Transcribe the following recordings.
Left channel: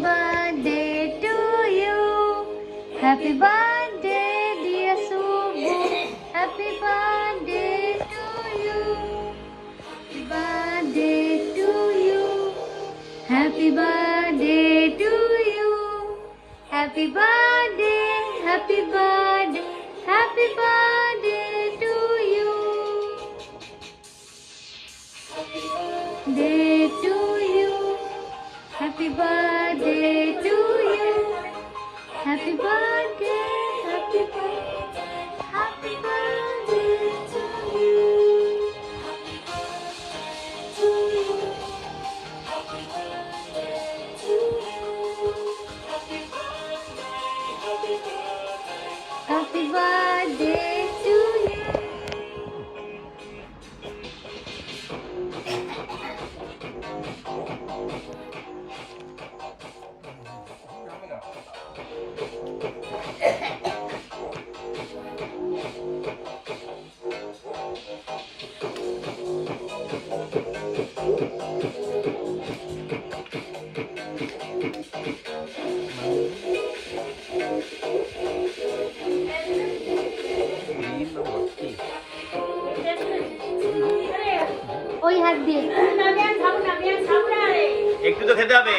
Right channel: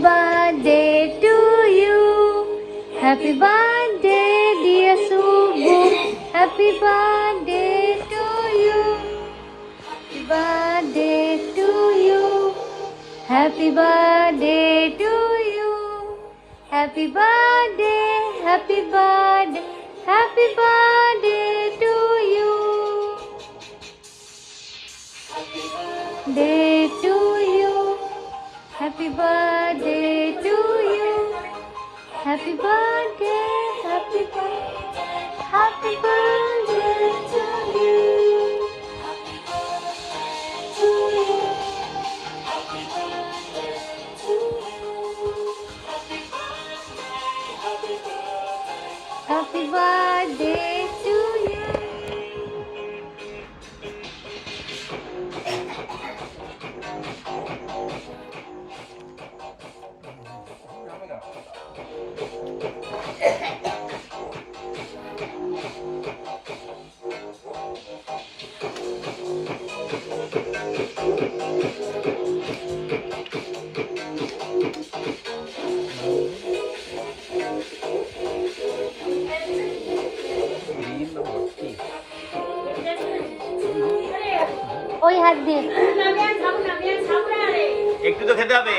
birthday to you. Happy birthday, dear Subbu. Happy birthday to you. Happy birthday to you. Happy birthday to you. Happy birthday, happy birthday, happy birthday to you. Day to you. Happy birthday to you. Happy birthday, happy birthday, happy birthday to you. Happy birthday to you. Happy birthday to you. Happy birthday to you. ওই হাত দিয়ে একটু তো খেতে হবে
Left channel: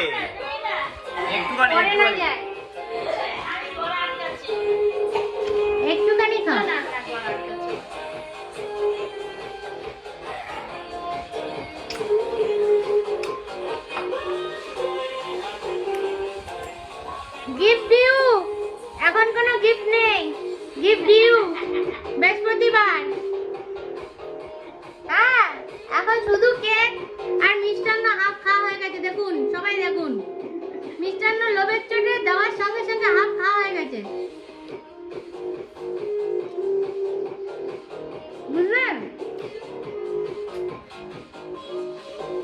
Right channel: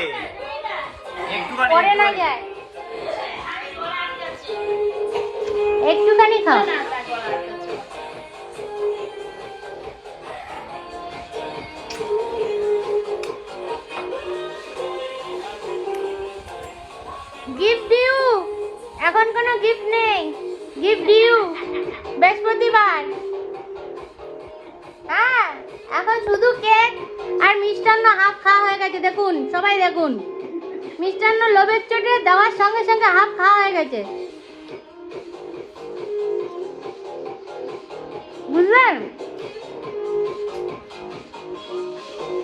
একটুখানি খাও। Gift দিও, এখন কোনো গিফট নেই। গিফট দিও বৃহস্পতিবার। হ্যাঁ, এখন শুধু কেক আর মিষ্টান্ন হাফ খাওয়া হয়ে গেছে। দেখুন, সবাই দেখুন, মিষ্টান্ন লোভের চোটে দেওয়ার সঙ্গে সঙ্গে হাফ খাওয়া হয়ে গেছে।